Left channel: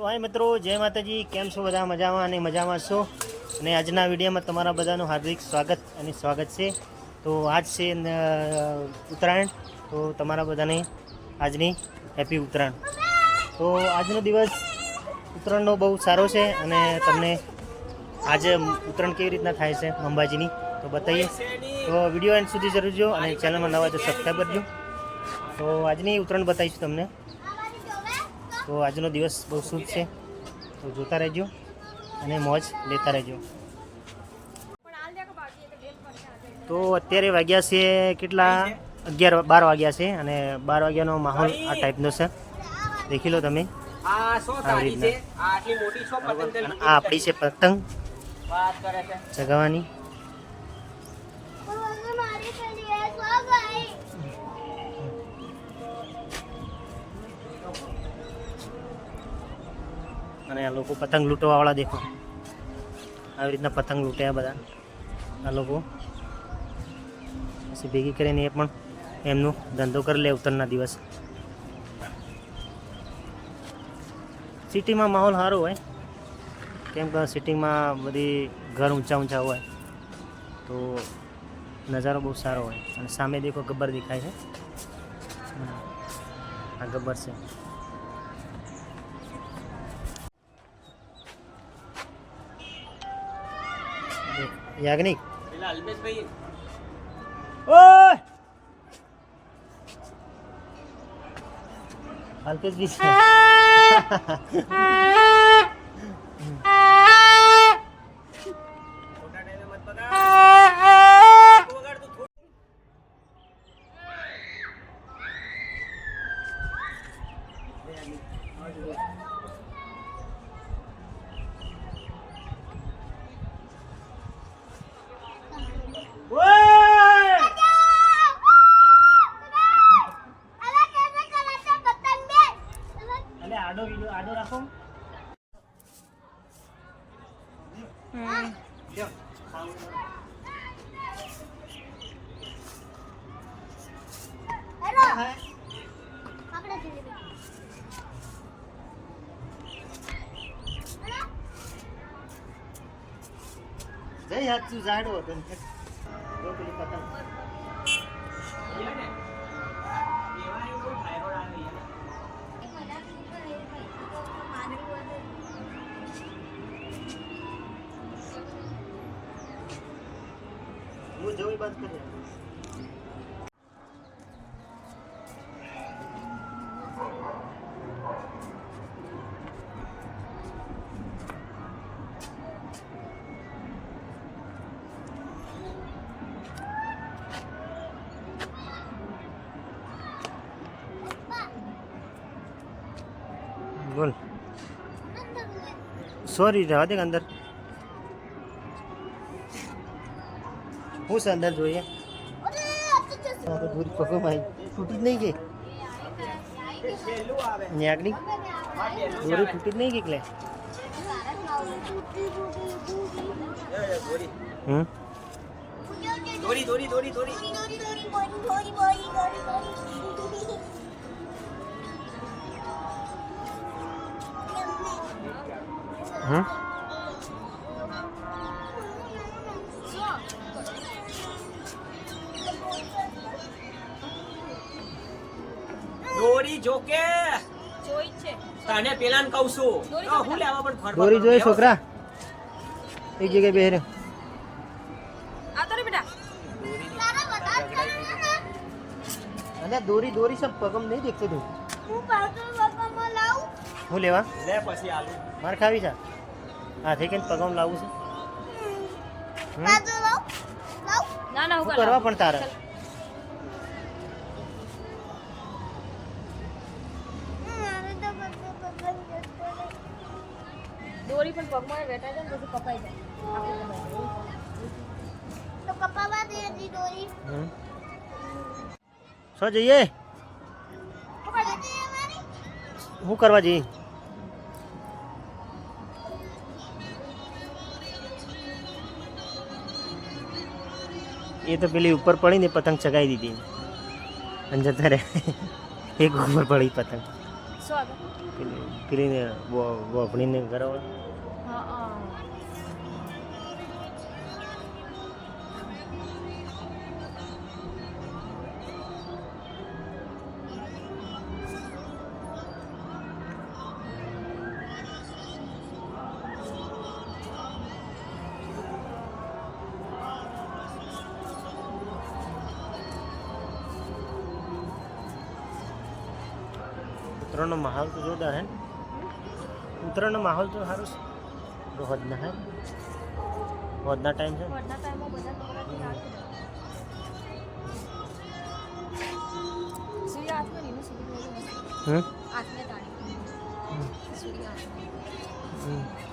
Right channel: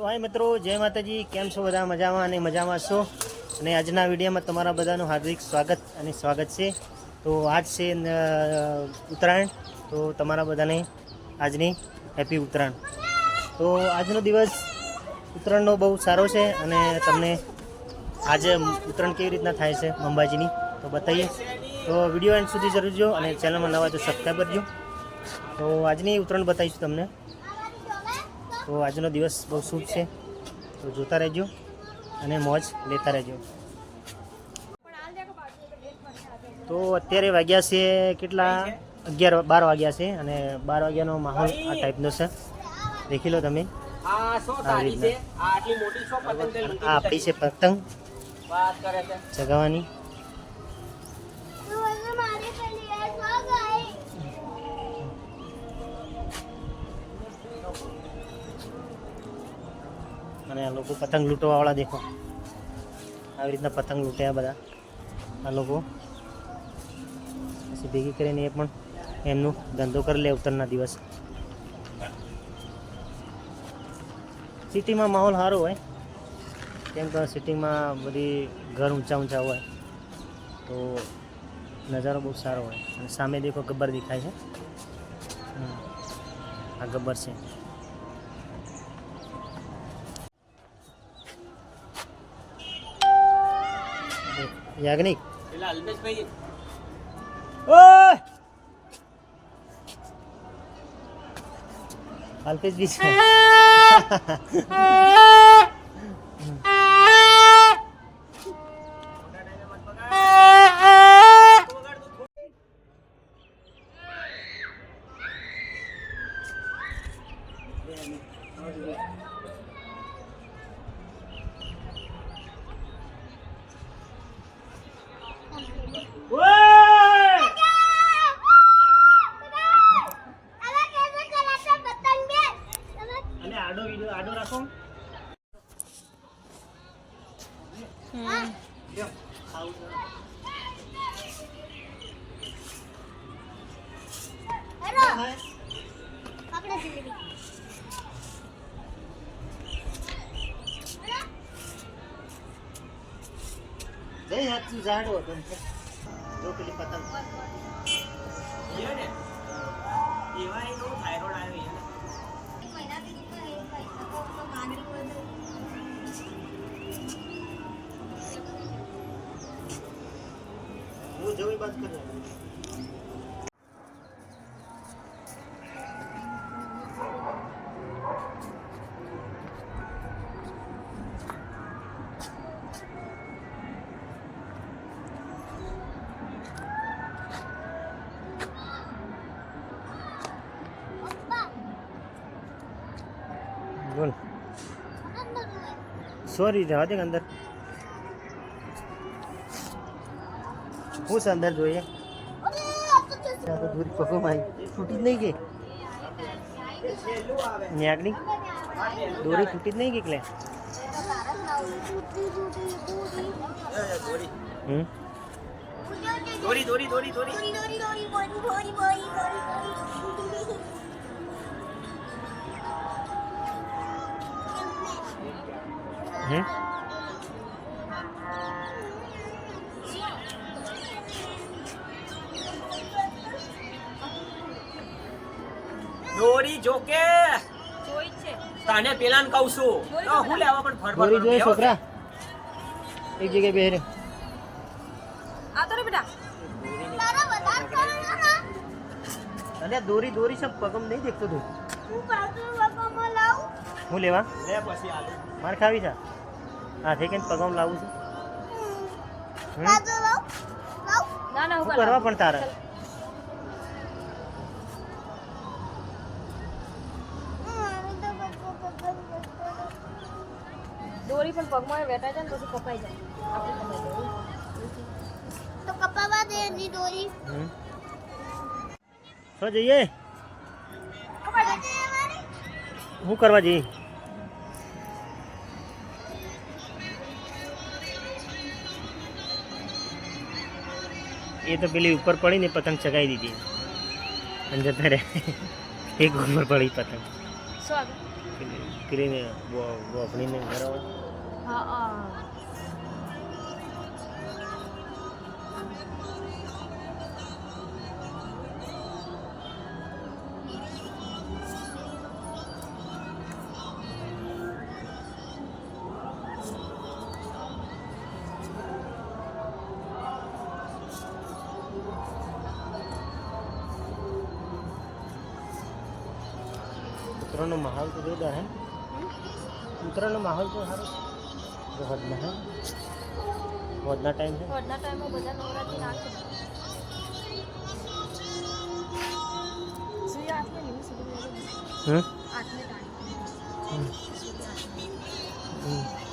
તો હાય મિત્રો, જય માતાજી. કેમ છો બધા? મજામાં અને મજામાં છો. અને આજના વિડીયોમાં તમારા બધાનું હાર્દિક સ્વાગત છે. તો આજ છે ઉત્તરાયણ. તો તમારા બધાને આજની હેપી ઉત્તરાયણ. તો આજનો દિવસ ઉત્તરાયણનો બહુ સારો છે અને તમને આજે ઉત્તરાયણ કેવી રીતના થાય છે અંબાજીની તો બતાવીએ. તો વિડીયો એન્ડ સુધી જરૂર જો અને ચેનલમાં નવા તો સબસ્ક્રાઈબ કરજો. તો આજની ઉત્તરાયણ બતાવીશું તમને. તો આજનો દિવસ બહુ શુભ છે, તો જોતા રહેજો અને મોજ લેતા રહેજો. તો અત્યારે વાગ્યા છે કેટલા? 11-12 વાગ્યા છે અને 12 વાગ્યાનો માહોલ આ ટાઈપનો છે. દેખી લો તમે. આવી રીતના આ આપણી છે પતંગ ચગાવવાની. અને આ લોકો પતંગ લૂંટવાવાળા દેખો, આવી રીતના પતંગ લૂંટ્યા બધા આ લોકો. પછી ભેગી કરીને એ પણ એમનું ધંધો કરી લે ઉત્તરાયણના દિવસ. સિટીમાં માહોલ સારો હોય, કેમ કે સિટીમાં બધી ઘર ઊંચા હોય તો નજારો બહુ સારો હોય. અને સામે દેખો ગબ્બર દેખાય છે, આ ગબ્બર છે. યાજ્ઞિક ઓય અલ્પેશ બી છે. આડો રાખો. જઈ હાથ તું ઝાડો હતો જો પેલી પતંગ હું જવી બાદ કરી. બોલ સોરી જવા દે અંદર. હું છે અંદર જોઈએ તો દૂરી પગમાં છૂટી જ નહીં ગઈ. ન્યાગની દોરી છૂટી જ નહીં ગઈ. એટલે દોરી દોરી દોરી દોરી દોરી જોકે જોઈ છે તને પેલાને કહું છું તો હું લેવા પણ ફરફર દોરી જોઈ છોકરા એક જગ્યાએ બેહરે આ તો રે બેટા તારા બતા કરો ના. અલે દોરી દોરી સબ પગમ નહીં દેખતો તું. હું કાટો પગમાં લાવું. હું લેવા લે પછી આલુ માર ખાવી છે. હા ઠીક છે, પગમ લાવું છે. કાટો લાવ. ના ના હું કરવા પણ તારે દોરી પણ પગમાં વેટાય છે ને પછી કપાઈ જાય. આપણે કપાઈ જાય તો કપાવા દે ની દોરી. શું જઈએ? હું કરવા જઈએ? એ તો પેલી ઉપર પડીને પતંગ ચગાવી દીધી અને જતા રહ્યા. એક ઉપર પડી પતંગ શું આગળ પેલીને વફણીને કરાવો. હા હા ઉત્તરાયણનો માહોલ તો જોરદાર હે ને? ઉત્તરાયણનો માહોલ તો સારો છે. રોહદના હે રોહદના ટાઈમ છે. વડના ટાઈમમાં બધા નવરાત્રી નાખે સૂર્ય હાથમાં નહીં સુધી હમ હાથને તાણી સૂર્ય હાથમાં